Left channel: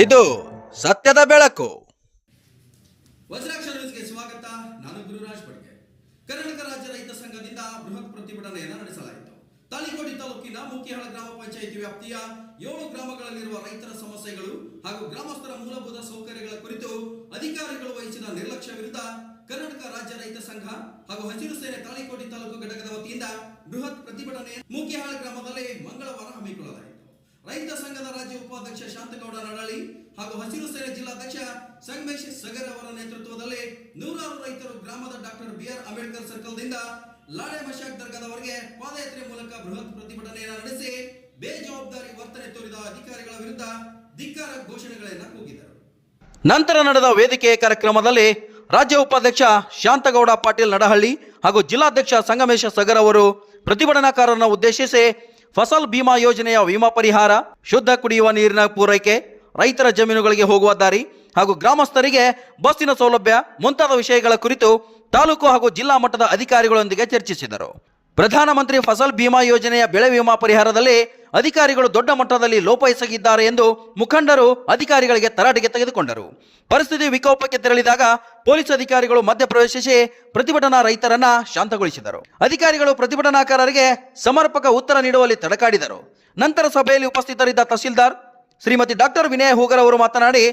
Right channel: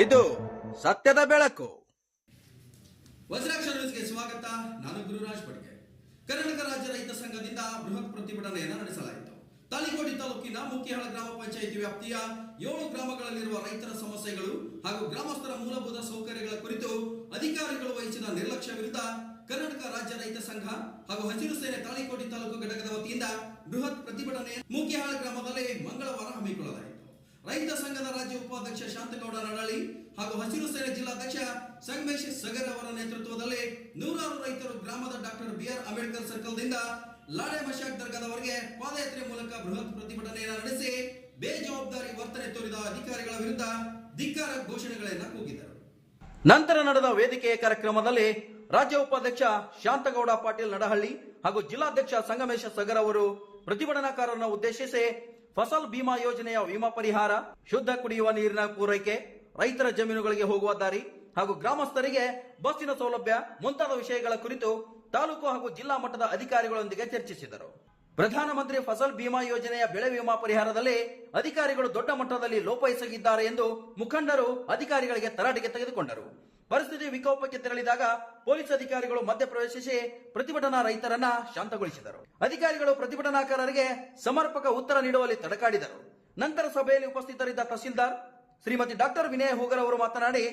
ಇದು ಸತ್ಯದ ಬೆಳಕು. ವಜ್ರಾಕ್ಷ ನ್ಯೂಸ್ಗೆ ಸ್ವಾಗತ. ನಾನು ಗುರುರಾಜ್ ಬಡ್ಗೆ. ಕರ್ನಾಟಕ ರಾಜ್ಯ ರೈತ ಸಂಘದಿಂದ ಬೃಹತ್ ಪ್ರತಿಭಟನೆಯನ್ನು ನಡೆಸಲಾಯಿತು. ತಾಳಿಕೋಟೆ ತಾಲೂಕಿನ ಮುಖ್ಯಹಾಳ ಗ್ರಾಮ ಪಂಚಾಯಿತಿ ವ್ಯಾಪ್ತಿಯ 7 ಗ್ರಾಮಗಳಲ್ಲಿರುವ ರೈತರ ಸಮಸ್ಯೆಗಳು ಹಾಗೂ ಗ್ರಾಮಸ್ಥರ ಮೂಲಭೂತ ಸೌಕರ್ಯಗಳ ಕುರಿತು ಅಧಿಕಾರಿಗಳು ವಹಿಸಿದ ನಿರ್ಲಕ್ಷ್ಯ ವಿರುದ್ಧ ಕರ್ನಾಟಕ ರಾಜ್ಯ ರೈತ ಸಂಘ ಹಾಗೂ ಹಸಿರು ಸೇನೆ ತಾಳಿಕೋಟೆ ತಾಲೂಕು ಘಟಕದ ವತಿಯಿಂದ ಬೃಹತ್ ಪ್ರತಿಭಟನೆ ಮುಖ್ಯಹಾಳ ಗ್ರಾಮದಲ್ಲಿ ಮಂಗಳವಾರ ಹಮ್ಮಿಕೊಳ್ಳಲಾಯಿತು. ರೈತ ಸಂಘದ ರಾಜ್ಯ ಉಪಾಧ್ಯಕ್ಷ ಶಾಂತಗೌಡ ನಡಳಿ ಹಾಗೂ ಹಸಿರು ಸೇನೆ ಜಿಲ್ಲಾಧ್ಯಕ್ಷ ಸಂಗಮೇಶ್ ಸಗರ್ ಅವರ ನೇತೃತ್ವದಲ್ಲಿ ನೂರಾರು ರೈತರು ಗ್ರಾಮದ ಡಾಕ್ಟರ್ BR ಅಂಬೇಡ್ಕರ್ ಸರ್ಕಲ್ದಿಂದ ಲಾಡೆ ಮಶಾಕ್ ದರ್ಗಾದವರೆಗೆ ಪಾದಯಾತ್ರೆ ಮೂಲಕ ಬೃಹತ್ ಪ್ರತಿಭಟನೆಯನ್ನು ನಡೆಸಿ ಬೇಜವಾಬ್ದಾರಿ ವರ್ತನೆ ತೋರಿದ ಅಧಿಕಾರಿಗಳ ವಿರುದ್ಧ ಧಿಕ್ಕಾರ ಘೋಷಣೆಗಳನ್ನು ಕೂಗಿದರು. ನಂತರ ನಡೆದ ವೇದಿಕೆ ಕಾರ್ಯಕ್ರಮದಲ್ಲಿ ರಾಜ್ಯ ಉಪಾಧ್ಯಕ್ಷ ಶಾಂತಗೌಡ ಪಾಟೀಲ್ ನಡಹಳ್ಳಿ ಹಾಗೂ ಜಿಲ್ಲಾಧ್ಯಕ್ಷ ಸಂಗಮೇಶ ಸಗರ್ ಅವರು ಪ್ರತಿಭಟನಾಕಾರರನ್ನು ಉದ್ದೇಶಿಸಿ ಫಸಲ್ ಬಿಮಾ ಯೋಜನೆಯ ವಿಮಾ ಪರಿಹಾರ, ಶುದ್ಧ ಕುಡಿಯುವ ನೀರಿನ ಪೂರೈಕೆ, ರೈತರ ಜಮೀನುಗಳಿಗೆ ಹೋಗುವ ದಾರಿ ಹಾಗೂ ಗ್ರಾಮಸ್ಥರಿಗೆ ಬಸ್ಸಿನ ಸೌಲಭ್ಯ ಮುಂತಾದ ವಿಷಯಗಳ ಕುರಿತು ತಾಲೂಕು ಹಾಗೂ ಜಿಲ್ಲಾ ಮಟ್ಟದ ಅಧಿಕಾರಿಗಳೊಂದಿಗೆ ಚರ್ಚಿಸಿದರು. ಪ್ರಧಾನಮಂತ್ರಿ ಫಸಲ್ ಬಿಮಾ ಯೋಜನೆಯ ಬೆಳೆ ವಿಮಾ ಪರಿಹಾರದಲ್ಲಿ ಅಧಿಕಾರಿಗಳು ದೊಡ್ಡ ಮಟ್ಟದಲ್ಲಿ ಲೋಪ ಎಸಗಿದ್ದಾರೆ ಎಂದು ಮುಖಂಡರು ಅಧಿಕಾರಿಗಳಿಗೆ ತರಾಟೆಗೆ ತೆಗೆದುಕೊಂಡರು. ಪರಿಸ್ಥಿತಿ ವಿಕೋಪಕ್ಕೆ ತೆರಳಿದಾಗ ಪೊಲೀಸ್ ಅಧಿಕಾರಿಗಳು ಮಧ್ಯಪ್ರವೇಶಿಸಿ ಪ್ರತಿಭಟನಾ ರೈತರನ್ನ ಶಾಂತಗೊಳಿಸಿದರು. ಅಧಿಕಾರಿಗಳು ಪ್ರತಿಭಟನಾಕಾರರಿಗೆ ಸಮರ್ಪಕ ಉತ್ತರ ನೀಡುವಲ್ಲಿ ತಡಕಾಡಿದರು. ನಂತರ ಸಭೆಯಲ್ಲಿ ಉಪಸ್ಥಿತರಿದ್ದ ತಹಸೀಲ್ದಾರ್ ಶ್ರೀಮತಿ ಡಾಕ್ಟರ್ ವಿನಯ ಹೂಗರ್ ಅವರು ಮಾತನಾಡಿ,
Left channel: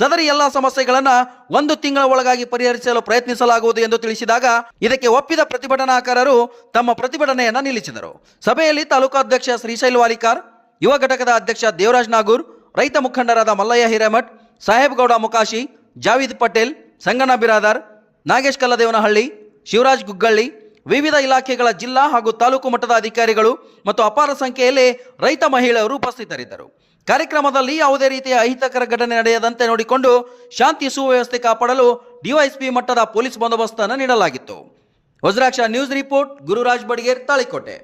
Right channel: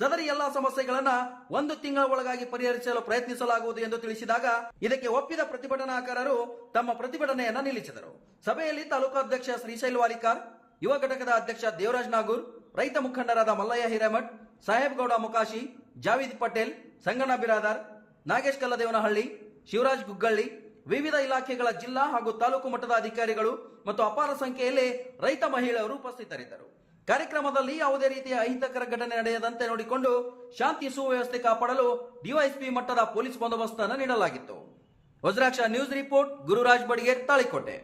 ಸದರಿ ಎಲ್ಲಾ ಸಮಸ್ಯೆಗಳನ್ನ 1 ತಿಂಗಳ ಒಳಗಾಗಿ ಪರಿಹರಿಸಲು ಪ್ರಯತ್ನಿಸಲಾಗುವುದು ಎಂದು ತಿಳಿಸಿದಾಗ ಇದಕ್ಕೆ ಒಪ್ಪಿದ ಪ್ರತಿಭಟನಾಕಾರರು ತಮ್ಮ ಪ್ರತಿಭಟನೆಯನ್ನ ನಿಲ್ಲಿಸಿದರು. ಸಭೆಯಲ್ಲಿ ತಾಲೂಕಾಧ್ಯಕ್ಷ ಶ್ರೀಶೈಲ್ ವಾಲಿಕಾರ್, ಯುವ ಘಟಕದ ಅಧ್ಯಕ್ಷ ದೇವರಾಜ್ ನಾಗೂರ್, ರೈತ ಮುಖಂಡರಾದ ಮಲ್ಲಯ್ಯ ಹಿರೇಮಠ್, ಸಾಹೇಬ್ಗೌಡ ಮುಕಾಶಿ, ಜಾವೀದ್ ಪಟೇಲ್, ಸಂಗಣ್ಣ ಬಿರಾದಾರ್, ನಾಗೇಶ್ ಕಲ್ಲದೇವನಹಳ್ಳಿ, ಶಿವರಾಜ್ ಗುಗ್ಗಳ್ಳಿ, ವಿವಿಧ ಇಲಾಖೆಗಳ ಜಿಲ್ಲಾ ಹಾಗೂ ತಾಲೂಕು ಮಟ್ಟದ ಅಧಿಕಾರಿಗಳು ಮತ್ತು ಅಪಾರ ಸಂಖ್ಯೆಯಲ್ಲಿ ರೈತ ಮಹಿಳೆಯರು ಉಪಸ್ಥಿತರಿದ್ದರು. ಕಾರ್ಯಕ್ರಮದಲ್ಲಿ ಯಾವುದೇ ರೀತಿಯ ಅಹಿತಕರ ಘಟನೆ ನಡೆಯದಂತೆ ನೋಡಿಕೊಂಡು ಶಾಂತಿ ಸುವ್ಯವಸ್ಥೆ ಕಾಪಾಡಲು ಡಿವೈಎಸ್ಪಿ ಮಟ್ಟದ ಪೊಲೀಸ್ ಬಂದೋಬಸ್ತನ್ನು ನೀಡಲಾಗಿತ್ತು. Vajraksha news report, Gururaj Badiger, Talikote.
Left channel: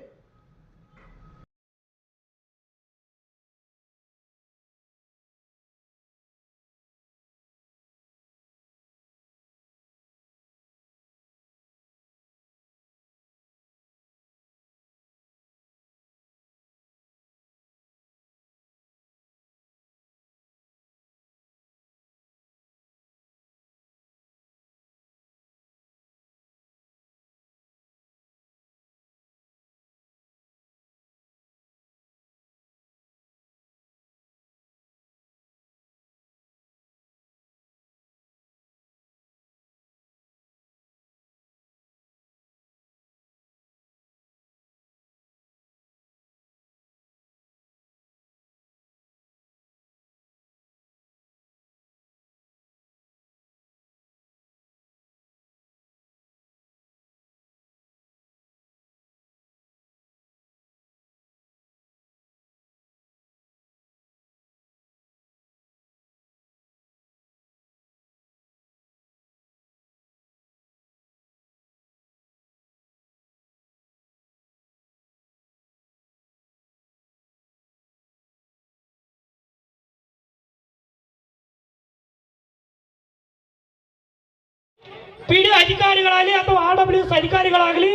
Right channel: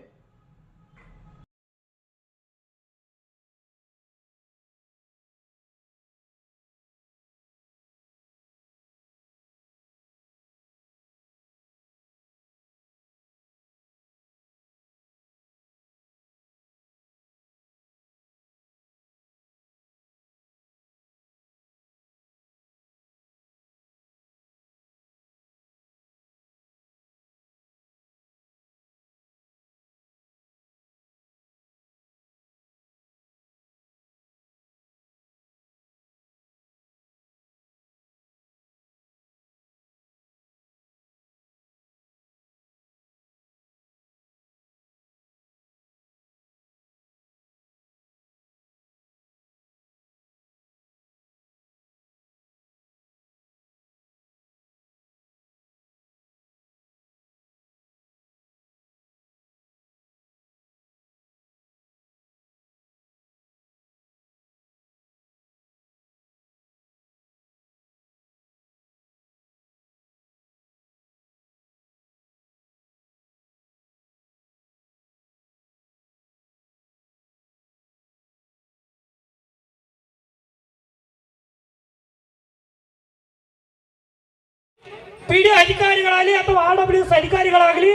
PD ಅಧಿಕಾರಿಗಳಾಗಲಿ ಅಥವಾ RWS ಅಧಿಕಾರಿಗಳಾಗಲಿ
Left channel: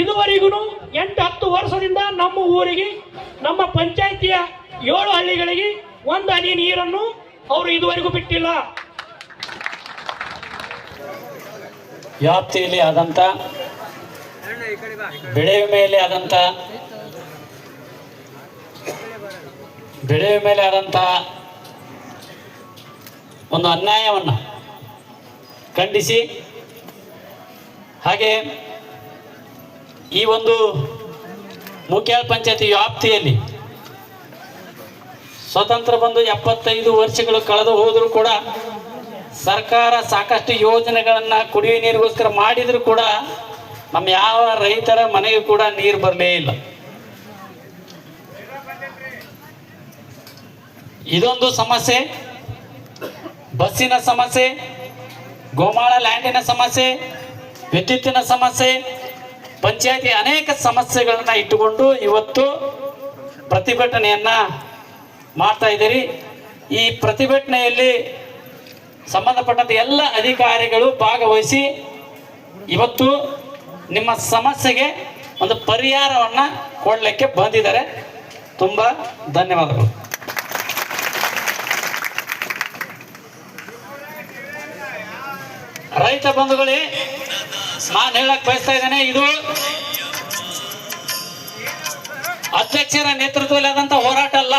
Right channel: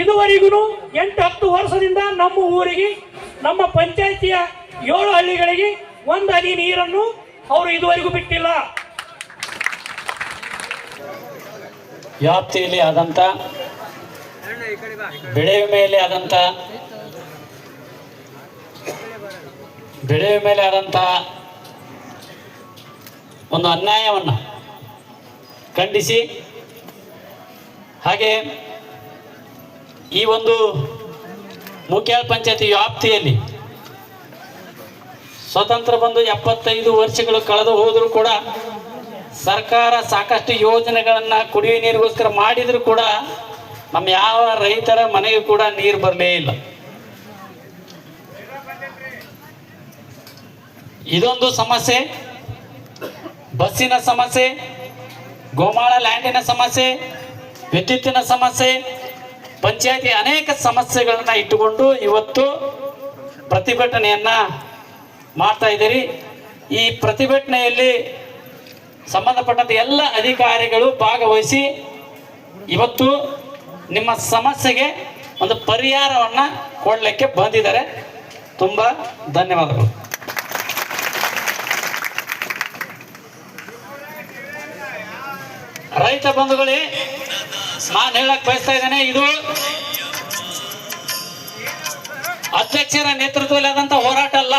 ಇದುವರೆಗೂ 8-10 ವರ್ಷದಿಂದ ನಮ್ಮ ಊರಿಗೆ, ನಮ್ಮ ಪಂಚಾಯಿತಿಯ 7 ಹಳ್ಳಿಗಳಿಗೆ 1 ಹನಿ ನೀರನ್ನು ಅವರು ಇದುವರೆಗೂ ಬಿಟ್ಟಿಲ್ಲ. ವ್ಯಾಪ್ತಿಯಲ್ಲಿ ಆದಂಥ ಬೆಳೆ ವಿಮೆಯಲ್ಲಿ ಆದಂಥ ಒಂದು ಅನ್ಯಾಯವನ್ನು ಖಂಡಿಸಿ, ಹಾಗೆ ಈ ಒಂದು ಮುಖ್ಯಹಾಳ ಪಂಚಾಯತಿ ವ್ಯಾಪ್ತಿಯಲ್ಲಿ ಸ್ವತಂತ್ರ ಬಂದು 75 ವರ್ಷಗಳು ಕಳೆದು ಹೋದರೂ ಕೂಡ ಸರ್ಕಾರ ಸಾಕಷ್ಟು ಯೋಜನೆಗಳನ್ನು ಕುಡಿಯುವ ನೀರಿಗೋಸ್ಕರ ಮಾಡಿದರೂ ಕೂಡ ನಮ್ಮ ಯಾವ ರೈತರ ಮನೆಗೂ ಕೂಡ ನೀರು ಬರಲೇ ಇಲ್ಲ. ಇದೊಂದು ಸಮಸ್ಯೆ, ಬಸ್ಸಿನ ಸಮಸ್ಯೆ, ಗೋಮಾಳ ಲ್ಯಾಂಡಿನ ಸಮಸ್ಯೆ, ವಿದ್ಯುತ್ತಿನ ಸಮಸ್ಯೆ, ಪಂಚಾಯತಿ ಅನೇಕ ಸಮಸ್ಯೆಗಳನ್ನ ಇಟ್ಟುಕೊಂಡು ಇವತ್ತು ಪ್ರತಿಭಟನೆಯನ್ನ ಮಾಡ್ತಾ ಇದ್ದೀರಿ. ಈ ಪ್ರತಿಭಟನೆಯಲ್ಲಿ ಸಂಬಂಧಪಟ್ಟಂತೆ ಎಲ್ಲ ಅಧಿಕಾರಿಗಳು ಭಾಗವಹಿಸಿ ಇವತ್ತು ನಿಮ್ಮ ಸಮಸ್ಯೆಗೆ ಒಂದು ಪರಿಹಾರವನ್ನು ಕೊಡಲಿಕ್ಕೆ ಬಂದಿದ್ದಾರೆ. ತುಂಬ ಧನ್ಯವಾದಗಳು. ರೈತ ಬಂಧುಗಳೇ, ನಾನು ಹೇಳಕ್ ಬಯಸ್ತಾ ಇದ್ದೇನೆ, ಇದು ಅಧ್ಯಕ್ಷರ ನೇತೃತ್ವದಲ್ಲಿ ಆದಂತ ಹೋರಾಟ ಅಲ್ಲ,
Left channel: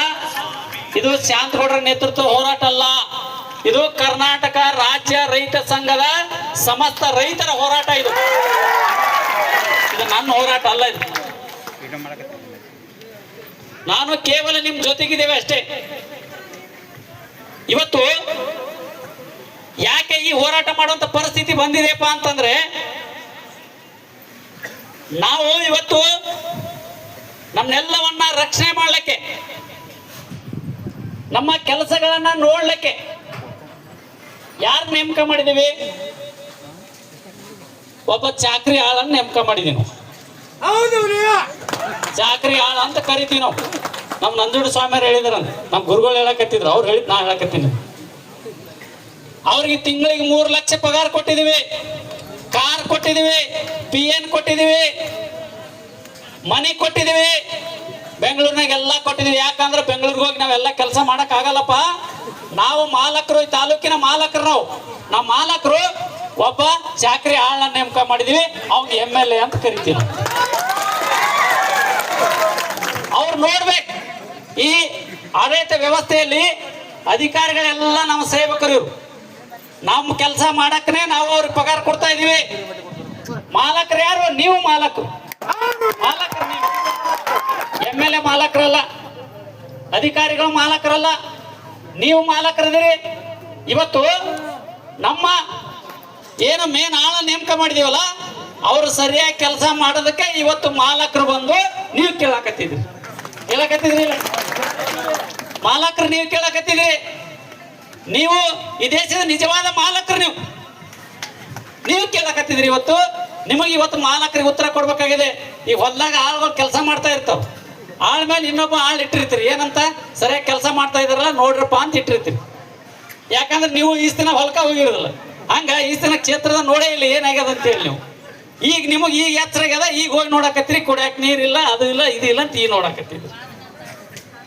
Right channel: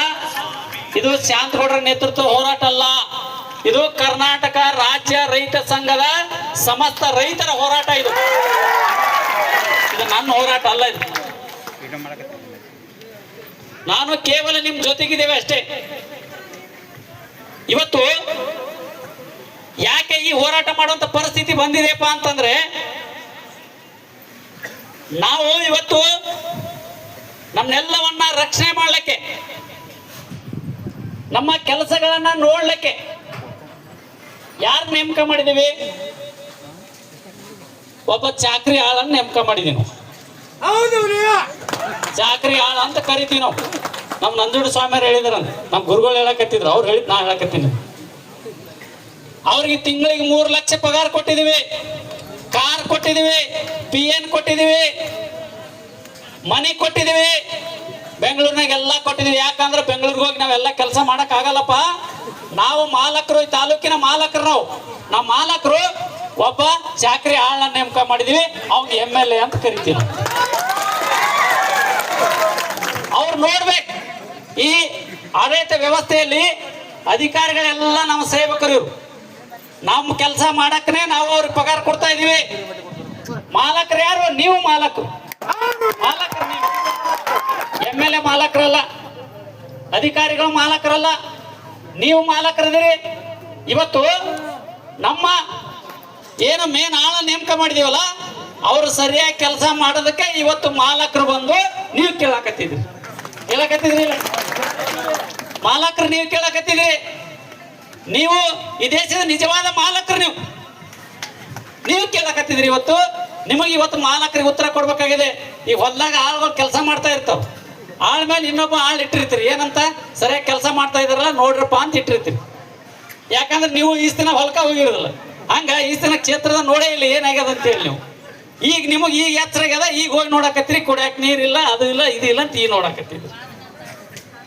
ಇದು ಶಾಂತಗೌಡರ ನೇತೃತ್ವ ಹೋರಾಟ ಅಲ್ಲ, ಇದು ಕರ್ನಾಟಕ ರಾಜ್ಯ ರೈತ ಸಂಘದ ಸಮಸ್ತ ರೈತರ ಹೋರಾಟ. ಇದು ನನ್ನ ಹೋರಾಟ ಅಲ್ಲ. ಇದು ನಾನು ಕೇವಲ ನಿಮ್ ಜೊತೆಗಿದ್ದೇವೆ ಅಷ್ಟೇ. ಇವತ್ತು ಯಾಕೆ ಈ ಹೋರಾಟ ಮಾಡುವಂತ ಪರಿಸ್ಥಿತಿ ಬಂದಿದೆಯಪ್ಪ ಅಂತಂದ್ರೆ, ನಾವು ಇವತ್ತು ನಮ್ನೆಲ್ಲವನ್ನ ರಕ್ಷಣೆ ಮಾಡ್ಲಿಕ್ಕೆ, ನಮ್ಮ ಕೆಲಸಗಳನ್ನ ನೋಡ್ಲಿಕ್ಕೆ ಯಾರು ನೇಮಕ ಮಾಡಿದೀವಿ? ಒಬ್ಬ ಚಾಕ್ರಿ ಆಳನ್ನ ನೇಮಕ ಮಾಡಿದೀವಿ. ಚಾಕ್ರಿ ಆಳ ಅಂತ ಕರಿತೀವಿ ನಾವು. ನಮ್ ನಂಜುಂಡ ಸ್ವಾಮಿಯರು ಹೇಳಿದ್ರಂತ, ನಮ್ ಗುರುಗಳು ಹೇಳಕತ್ತಿದ್ರು, ಅವ್ರು ಹೇಳಿದ್ ನಾ ಹೇಳಕತ್ತೀನಿ. ಅವ್ರಿಗೆ ತಿಂಗಳಿಗೆ 3 ಲಕ್ಷ ಪಗಾರ ಕೊಟ್ಟಿದೀವಿ, ಕಾರ್ ಕೊಟ್ಟಿದೀವಿ, PN ಕೊಟ್ಟಿದೀವಿ, ಮನೆ ಕೊಟ್ಟಿದೀವಿ, ಬೆಂಗಳೂರಿನಾಗ ಎಲ್ಲ ಕೊಟ್ಟಿದೀವಿ. ಯಾಕಂದ್ರೆ ಬೆಂಗಳೂರಿಗೆ ಹೋಗಿ ನಾವೆಲ್ಲ ಕೆಲಸ ಮಾಡಕ್ ಆಗಲ್ಲಪ್ಪ. ನಾವು ಮಾಲಕರು, ಈ ತಾಲೂಕಿನ ಮಾಲಕರು. ನಾವು ಮಾಲಕರು ಒಬ್ಬ ಚಾಕ್ರಿ ಆಳನ್ನ ನೇಮಕ ಮಾಡಿದೀವಿ, ಅವ್ನಿಗೆ MLA ಅಂತ ಕರಿತೀವಿ. ಅವ್ರು ನೋಡ್ಬೇಕು, ಈ ಆಡಳಿತ ವ್ಯವಸ್ಥೆಯಲ್ಲಿ ಅಧಿಕಾರಿಗಳೆಲ್ಲ ನಮ್ಮ ಸೇವಕರು ಇವರು. ನಮ್ಮ ಕೆಲಸ ಮಾಡಕ್ಕನೆ ನಾವು ಅವ್ರಿಗೆ ಪಗಾರ ಕೊಡ್ತಾ ಇದೀವಿ. ಮಾಲಕರು ಯಾರು? ನೀವು ಮಾಲಕರು. ಮಾಲಕರು ನೀವು. MLA ಮಾಲಕರಲ್ಲ, ಅಧಿಕಾರಿಗಳು ಮಾಲಕರಲ್ಲ, ನೀವು ಮಾಲಕರಿದ್ದೀರಿ. ಇವತ್ತು ನಮ್ಮ ಏನು ಮೇನ್ ಆಳ ನೇಮಕ ಮಾಡಿದೀವಲ್ಲ, ಅವರು ಸರಿಯಾಗಿ ಕೆಲಸ ಮಾಡೋದಕ್ಕೆ ಇವತ್ತು ಮಾಲಕರು ಬಂದು ನೀವು ಕೇಳಕತ್ತಿದ್ರಿ. ಇಲ್ಲ ಮಾಲಕರು ನೀವು ಕೇಳಕತ್ತಿದ್ರಿ. ನೀವು ಈ ದೇಶದ ನಿಜವಾದ ಮಾಲಕರು. ನೀವು ಕೇಳಕತ್ತಿದ್ರಿ. ಇವತ್ತು ನಿಮಗೆ ಇವತ್ತು ಮಾಲಕರಿಗೆ ಉತ್ತರ ಕೊಡ್ಬೇಕಾಗಿದೆ. ಈ ಹೊಲ್ದಾಗ ಆಳುಗಳು ಕೆಲಸ ಮಾಡ್ತಾ ಇರ್ತಾವ, ಆಳ ಮೇಲೆ ಇನ್ನೊಬ್ಬ ಆಳು ಇಟ್ಟಿರ್ತೀರಿ. ಏನಂತ? ಸರಿಯಾಗಿ ಕೆಲಸ ಮಾಡ್ತಾ ಇದಾರಲ್ಲ ನೋಡ್ರಪ್ಪ ಅಂತ ಇಟ್ಟಿರ್ತೀರಿ. ಯಾಕಂದ್ರೆ ನೀವು ಈ ದಿನ ಹೊಲ್ಕ ಹೋಗಿರೋದಿಲ್ಲ, ಹಂಗ ಈ ದಿನ ಕ್ಷೇತ್ರದ ನೋಡೇ ಇಲ್ಲ ಏನಾಗ್ಯದ ಅಂತೇಳಿ. ನೀವು ಈಗ ನಿಮಗೆ ಈಗ ಎಚ್ಚರ ಆಗ್ಯದ, ಈಗ ಹೋಗಿ ನೋಡಕತ್ತೀರಿ. ಕುಡಿಯಕ್ ನೀರಿಲ್ಲ, ಅದು ಇಲ್ಲ, ಇದು ಇಲ್ಲ ಅಂತ ಈಗ ನೋಡಕತ್ತಿದ್ರಿ.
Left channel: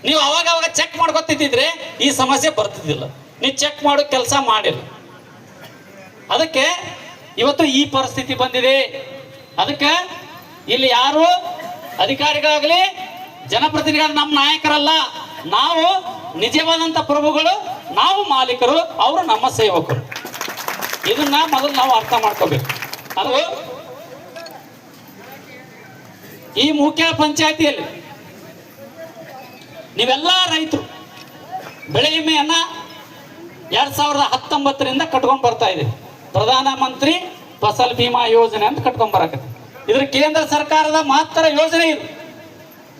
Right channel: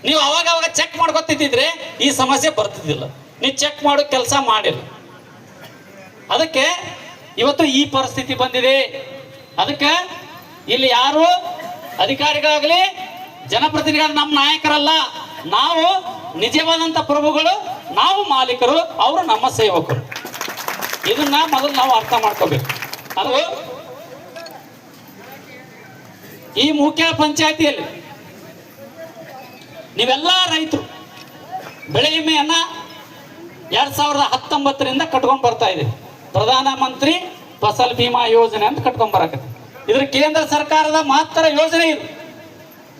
ನೀವು ಅವಾಗ ಚೆಕ್ ಮಾಡ್ಕೊತಿದ್ದಿದ್ರೆ ಈ ಸಮಸ್ಯೆ ಬರ್ತಿದ್ದಿಲ್ಲ. ನೀವು ಚೆಕ್ ಮಾಡೋ ಕೆಲಸ ಮಾಡಿಲ್ಲ, ಅದಕ್ಕೆ ಇವತ್ತು ಈ ಪರಿಸ್ಥಿತಿ ಬಂದಿದೆ. ಅದಕ್ಕೆ ಇಲ್ಲಿ ಯಾರು ಅಧಿಕಾರಿಗಳಾಗಲಿ ಜನಪ್ರತಿನಿಧಿಗಳು ನಮ್ಮ ನಾಯಕರಲ್ಲ. ನಾವು ನಿಜವಾದಂತ ಪ್ರಭುಗಳು, ನಾವು ಮಾಲೀಕರು, ಅವರು ನಮ್ಮ ಸೇವಕರು. ಇದನ್ನ ಮೊದಲು ನಾವು ಅರ್ಥ ಮಾಡ್ಕೋಬೇಕು. ಅದು ಈ ಮುಖ್ಯ ಪಂಚಾಯತಿಯಲ್ಲಿ ನೀವೆಲ್ಲ ರೈತರು ಬೆಳೆ ವಿಮೆಯನ್ನ 2019ರಿಂದ ಕಟ್ಕೊಂಡ್ ಬರ್ತಾ ಇದೆ. ಪ್ರಧಾನ ಮಂತ್ರಿ ಫಸಲ್ ಬಿಮಾ ಯೋಜನೆ ಅಂತ ಕಟ್ಕೊಂಡ್ ಬರಕತ್ತೆ. ಇದ್ರ ಕೇಂದ್ರ ಸರ್ಕಾರದ ಮಹತ್ತರ ಯೋಜನೆ ಇದು.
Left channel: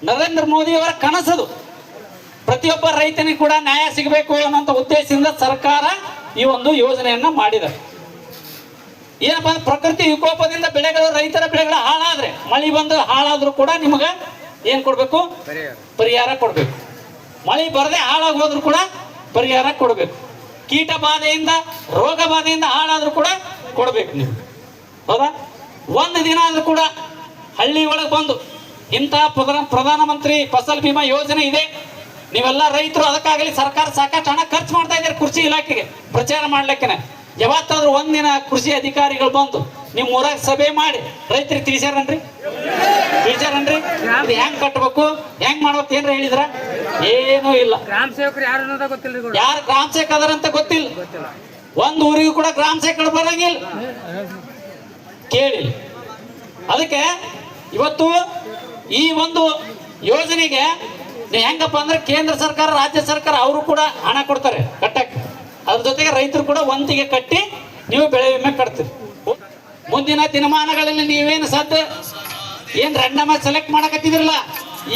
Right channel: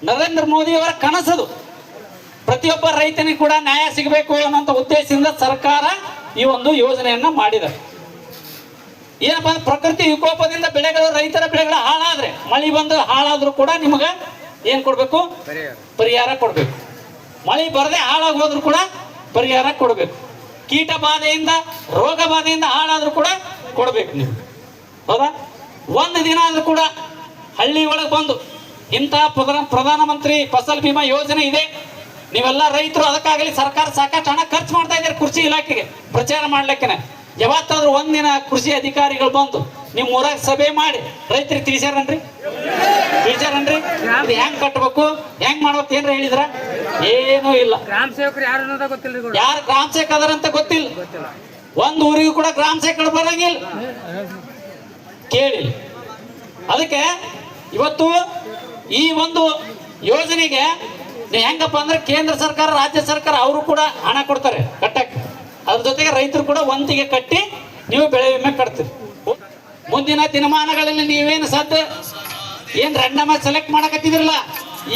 ನರೇಂದ್ರ ಮೋದಿ ಅವರ ಕನಸದು. ಪ್ರತಿಯೊಬ್ಬ ರೈತನಿಗೆ ಕೂಡ ನ್ಯಾಯ ಸಿಗಬೇಕು ಅನ್ನೋಂಥ ಉದ್ದೇಶದಿಂದ ಸರ್ಕಾರ ಈ ಒಂದು ಯೋಜನೆಯನ್ನ ಮಾಡಿದೆ. ಏನಪ್ಪ, ಪ್ರಕೃತಿ ವಿಕೋಪದಿಂದ ಬೆಳೆಗಳು, ರೈತರ ಬೆಳೆಗಳು ಹಾಳಾದ್ರೆ, ಮಳೆ ಬಂದು ಹಾಳಾದ್ರೂ ಕೂಡ ನಿಮಗೆ ಏನ್ ಕೊಡ್ಬೇಕು? ಪರಿಹಾರ ಕೊಡ್ಬೇಕು. ಮಳೆ ಬರದೆ ಹಾಳಾಗಿ ಹೋದ್ರು ಕೂಡ ಪರಿಹಾರ ಕೊಡ್ಬೇಕು. ಕೀಟ ಬಾಧೆಯಿಂದ, ರೋಗ ಬಾಧೆಯಿಂದ ಹಾಳಾದ್ರೂ ಕೂಡ ಕೊಡ್ಬೇಕು ನೀವು. ಹೌದಾ? ಒಂದು ದಿನ ಆದ್ರೂ ಕೂಡ ಹಳ್ಳಿ ಒಳಗೆ ಬಂದು ಇಂತಹ ಪ್ರಧಾನಮಂತ್ರಿ ಫಸಲ್ ಬಿಮಾ ಯೋಜನೆ ಇದೆ, ನೀವೆಲ್ಲ ರೈತರು ಅದಕ್ಕಾಗಲಿ ಸರ್ಕಾರ ಸಾಕಷ್ಟು ಹಣ ಖರ್ಚು ಮಾಡ್ತಾ ಇದ್ದಾರೆ ಕೃಷಿ ಇಲಾಖೆಗೆ ಪ್ರಚಾರ ಮಾಡ್ಲಿಕ್ಕೆ. ಯಾವತ್ತಾದ್ರೂ ಒಂದಿನ ಕೃಷಿ ಅಧಿಕಾರಿಗಳು ಬಂದು ನಿಮ್ ಊರಾಗ ಸಭೆ ಮಾಡಿ ರೈತರಿಗೆ ತಿಳಿಸ್ಯಾರನ್ರಿ? ಅದು ಹೆಂಗ್ ಕಟ್ಬೇಕು, ಹೆಂಗ್ ಮಾಡ್ಬೇಕು ಏನ್ರ ಹೇಳಿದ್ರ? ಏನೂ ಇಲ್ಲ. ಗ್ರಾಮ ಸೇವಕರು ಯಾರು ಅನ್ನೋದ ಗೊತ್ತಿಲ್ಲ. ಯಾರು ಗ್ರಾಮ ಸೇವಕ ಅದಾರಂತ ಗೊತ್ತಿಲ್ಲ. ಒಂದು ಊರಿಗೂ ಕೂಡ ಗ್ರಾಮ ಸೇವಕರು ಬರಂಗಿಲ್ಲ, ಕೇಳಿಲ್ಲ. ಅದಕ್ಕೆ ಇವತ್ತು ಈ ಒಂದು ಯೋಜನೆಗೆ ಹೆಂಗಪ್ಪ ಅಂದ್ರೆ ಕೇಂದ್ರ ಸರ್ಕಾರ, ರಾಜ್ಯ ಸರ್ಕಾರ ಅವರು ಕೂಡ ಹಣ ಕೊಡ್ತಾರೆ ಕಟ್ಟಕ್ಕೆ. ಅದ್ರ ಜೊತೆಗೆ ರೈತರು ಕೂಡ ಒಂದಿಗೆ ಕಟ್ಟಿ ನೀವು ಬೆಳೆ ವಿಮೆ ಕಟ್ತೀರಿ. ಮುಂದಿನ ದಿನಮಾನಗಳಲ್ಲಿ ನೀವೇನು ಏನ್ ರ್ಯಾಂಡಮ್ ಸೆಲೆಕ್ಟ್ ಮಾಡಕತ್ತಿದ್ರಲ್ಲ,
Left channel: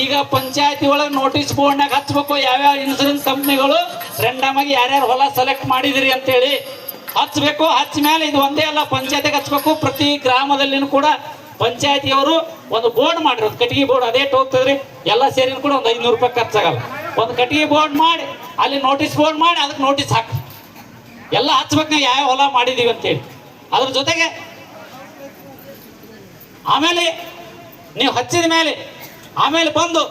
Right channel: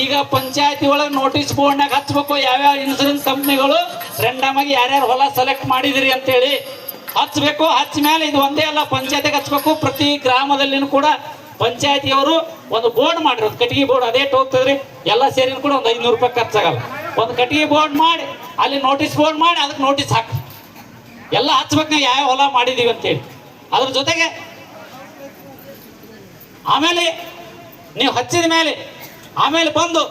ಈಗ ಪಂಚಾಯತಿ ಒಳಗೆ ನೋಟಿಸ್ ಬೋರ್ಡ್ನಾಗ ಹಚ್ಬೇಕು, ಯಾವ್ಯಾವ ಇನ್ಸೂರೆನ್ಸ್ ಕಂಪ್ನಿಗಳು ರ್ಯಾಂಡಮ್ ಆಗಿ ಯಾರ್ಯಾರು ಹೊಲ ಸೆಲೆಕ್ಟ್ ಮಾಡಿದಿರಿ ಅಂತೇಳಿ ಹಚ್ಬೇಕು. ಹಚ್ಚ ಮೇಲೆ ಇದು ಒಂದೇ ಅಲ್ಲ, ಪಂಚಾಯತಿಗೆ ಹಚ್ಬೇಕು. ಪ್ರತಿ ಗ್ರಾಮದಲ್ಲಿನೂ ಕೂಡ ಪಂಚಾಯತಿಯವರು ಒಂದು ಬೋರ್ಡ್ ಮಾಡಿರಿ, ಒಂದು ಕಟ್ಟಿಗೆ ಬೋರ್ಡ್. ಅದೇ ಹೋಗ್ತದ್ರಿ, ಎಲ್ಲ ಸೇರಿ ಕೂಡ ಒಂದು 500 ರೂಪಾಯಿ ಖರ್ಚಾಗಲ್ಲ. ಒಂದು ಕಟ್ಟಿಗೆ ಬೋರ್ಡ್ ಮಾಡಿ ಅಲ್ಲಿ ನೋಟಿಸ್ ಬೋರ್ಡ್ ಮಾಡಿ ಅದಕ್ಕೆ ನೋಟಿಸ್ ಹಾಕಿ ಎಲ್ಲ ಹಚ್ಬೇಕು ನಾವು ಯಾವ ಹೊಲ ಮಾಡಿದೀವಿ ಅಂತೇಳಿ. ಅದ್ರ ಜೊತೆಗೆ ಆಮೇಲೆ ನೀವು ಹಚ್ಚಿದ ಮೇಲೆ ಆಮೇಲೆ ಬಂದು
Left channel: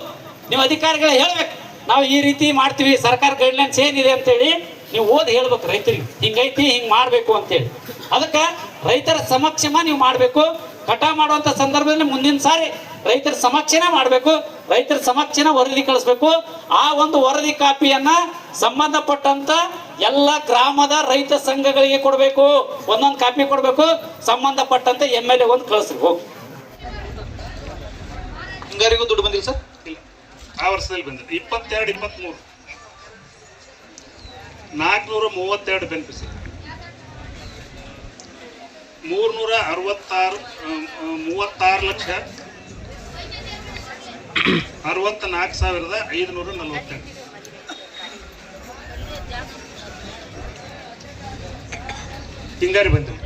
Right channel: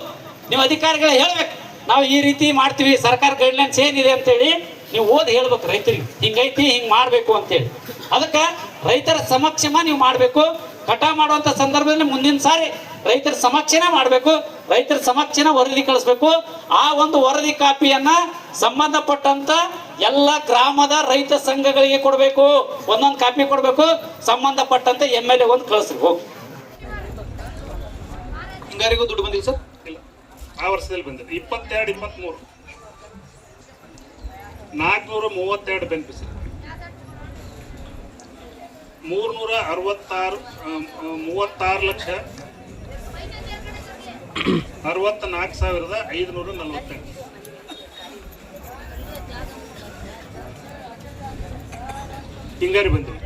ನೀವು ಅಧಿಕಾರಿಗಳು ಹೇಳ್ಬೇಕು, ನಾವು ಈ ರೀತಿ ಮಾಡ್ತೀವಿ, ಸರ್ಕಾರ ಗೈಡ್ಲೈನ್ಸ್ ಏನಿದೆ ಅಂತೇಳಿ ನೀವು ಓದಿ ಹೇಳ್ಬೇಕು ರೈತರಿಗೆ ಹಿಂಗೈತಿ ಹಿಂಗ್ ಮಾಡ್ಬೇಕು ಅಂತೇಳಿ. ಅದಕ್ಕೆ ರೈತರ ಸಮಕ್ಷಮ ನೀವು ಮಾಡಬೇಕು. ಕಟಾವ್ ಮಾಡುವಂತ ಸಂದರ್ಭದಲ್ಲಿ ಮುಂದಿನ ಸಾರಿ ರೈತರ ಸಮಕ್ಷನೇ ಮಾಡಬೇಕು. ರೈತರ ಸಮಕ್ಷನ ವರದಿ ಕಳಿಸ್ಬೇಕು. ಆ ಒಂದು ವರದಿ ಕಾಪಿಯನ್ನ ಸಂಬಂಧಪಟ್ಟಂತ ಎಲ್ಲ ಗ್ರಾಮದ ರೈತ ಸಂಘಗಳಿಗೆ ಕೊಡಬೇಕು. ಒಂದೊಂದು ಕಾಪಿ ಕೊಡಬೇಕು. ಸಂಬಂಧಪಟ್ಟಂತೆ MLA ಒಂದು ಕಳಿಸ್ಬೇಕು. ಹಿಂಗಾರಿಗೂ ದುಡ್ಡು ಬಂದಿಲ್ಲ ಸರ್? ಇಲ್ಲ, ಆ ವರ್ಷದಲ್ಲಿ ಬಂದಿದೆ. 22-23 432 ಬೆನಿಫಿಷರಿ, 366,64,542 ಹಿಂಗಾರಿ ಬಂದಿದೆ.